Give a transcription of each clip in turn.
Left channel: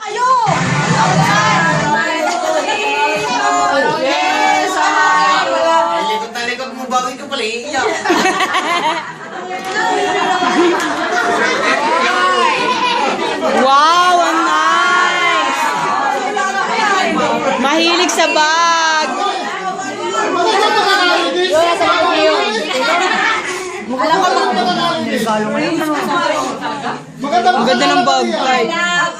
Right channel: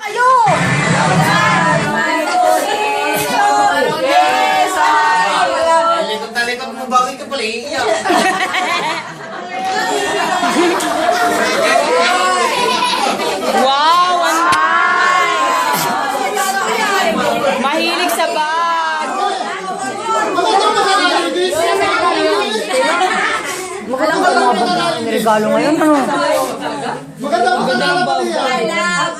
Kayo! Talikod mo, bakit ka pala iiyak? Wow, ang nice! Mahilig sa bag! Alam ko lang regalo na yun. Ang ganda ng bag.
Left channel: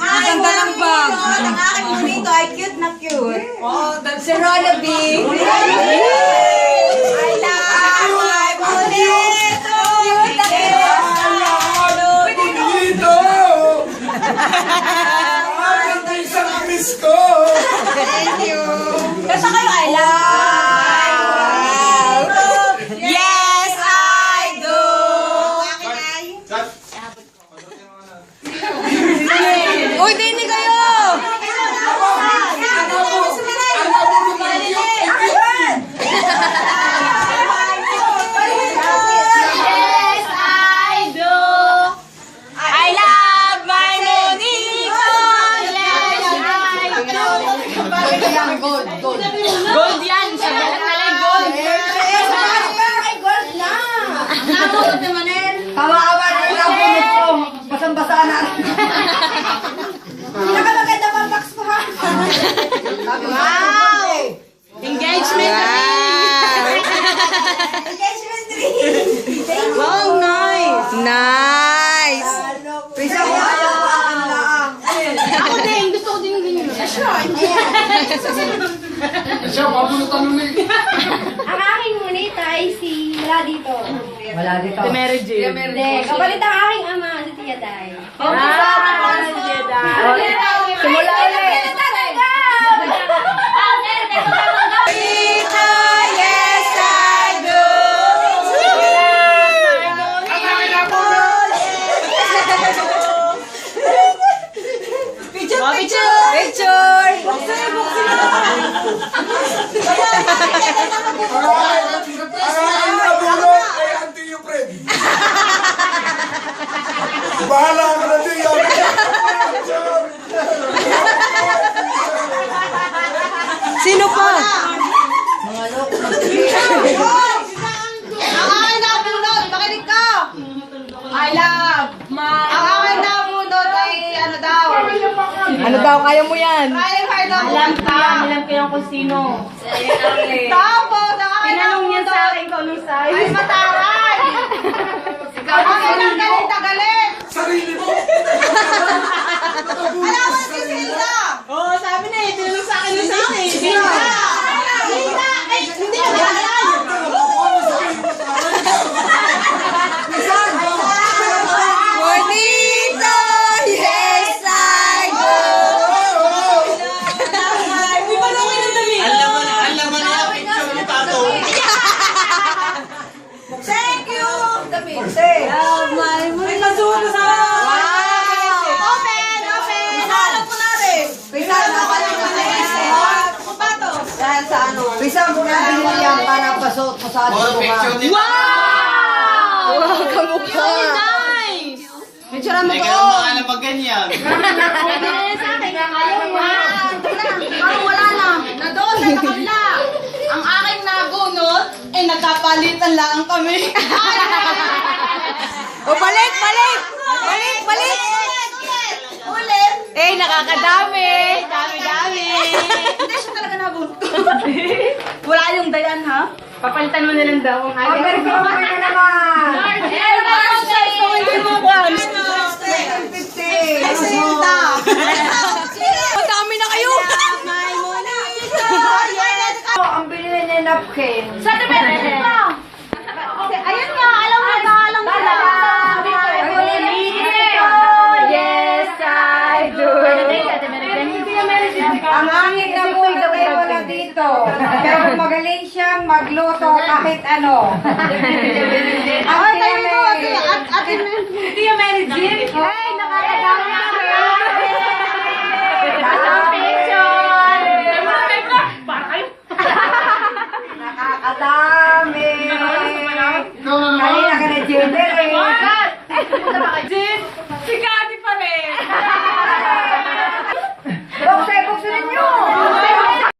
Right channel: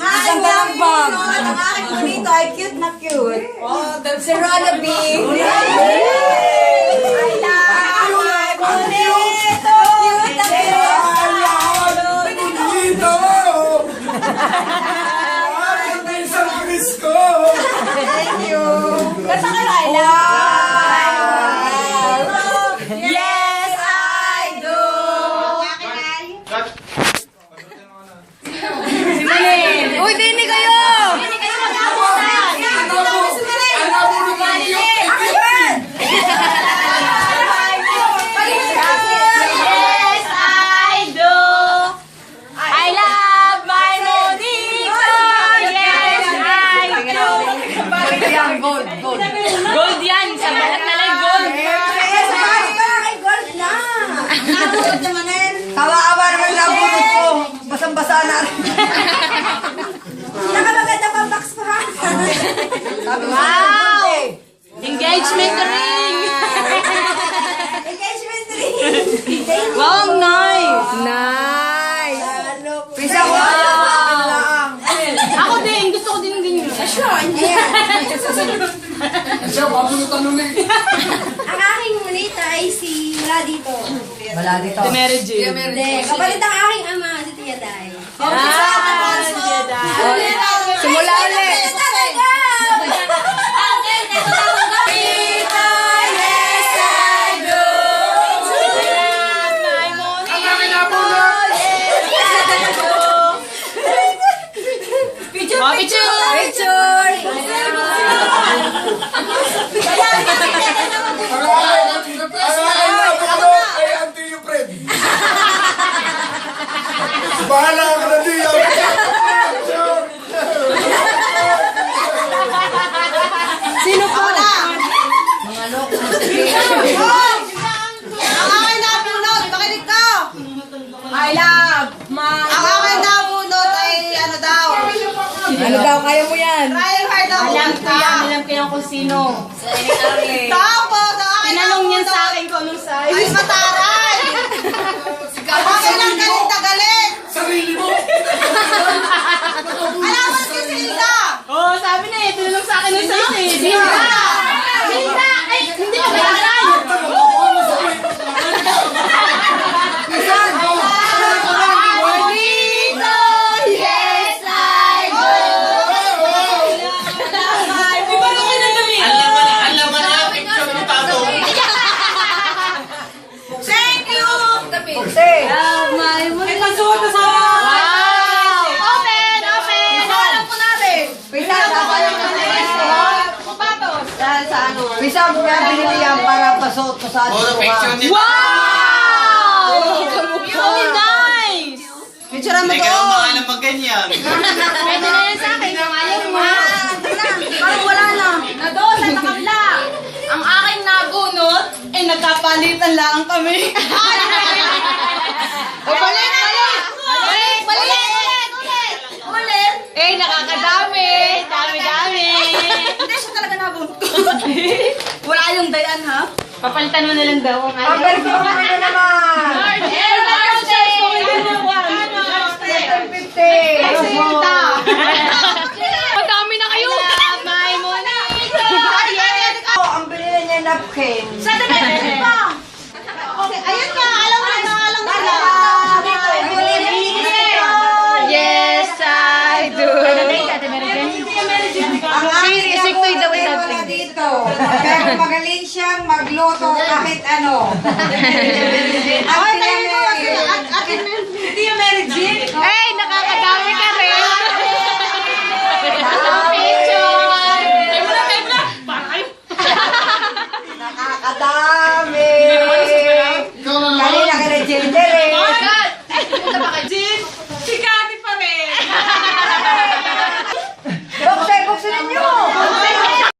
Ang ganda ng bag. Ang aking bonito ay cute na cute. Si Rona B. I love my bonito. Cute na cute. Bonito! Ito isang Chris ko! Thank you. Kasa kayo, I love. Yes, I do. Uy, dini kayo! Yes, I do. I love my Monito. Yes, I Gold yan. Sa bawat kalay gold. Kawa-awa na yung abunit ko. Basang-basa na. Nakamaganda pa box ko ha. Wow! Engagement ring. Engagement ring. Wow, nice. Nice! Pisa ko. Ako din. Gusto ko din ng ganyan. Ang aking ngunita ay si wala dito. Wala dito. Si Mary Jane. Hindi, kapalit ang aking ama, si Tia Day. Simula ulit! Mga picture. Picture! Ay, auntie yung friend. Bahala ako na diyo. Sino pa? Ang aking nabunot, makinig ka! I love. Ang aking nabunot ay ano daw? Ano daw, kaya mo yan? Trying hard ang kanta. Alam ko yung kung sino. Tapos, ang aking Tinanong niya sa nabunot akin kung anong size. ay mataray. Ang aking lang galit na galit. Sarili mo. Alam mo si Silda. Oo, sabi na eh. Tinanong sa akin yung sa akin. Sinta! Sinta! Ay, hindi ko kailangan. Bonito! Yes, I do! Di ba ito kayo ng dami? Alam mo na, picture mo tato. Thank you. May masuha pa sa... Open, open. Alam ko na rin. Pinagawa ko lang sa sapatos. Dahil sa ano? Bisa mo nga binili yan para pasuot ko sa Puro picture nito. Wow! Kamukha! Nice! Picture mo Teka lang doon! mga alam pag ganyan. Pwede na yan sa akin. Ang ayaw mo. Parang wala na. Nadoon, nakabla. Ang aking nabunot, eh nagkapalitan lang kami. O, balik! Balik! Balik! Balik! Ulit. Eh, nakakadami. Dami-dami. Hindi siya talaga nabunot. Wala yung dayan ha? Papalitan mo na lang daw ang aking. Pero kung kami na naman. Kay Silda. Madami na kayo! My Monito. Ang binili niya napkin. Sa depende pa. Ayan nga, alam mo na, alam mo na. Yes, I do! Ang aking nabuno pero wala dito. Pero magaling siyang magluto kahit ano. Ang Ay, tayo mo. Atin, Tia Mary Jean.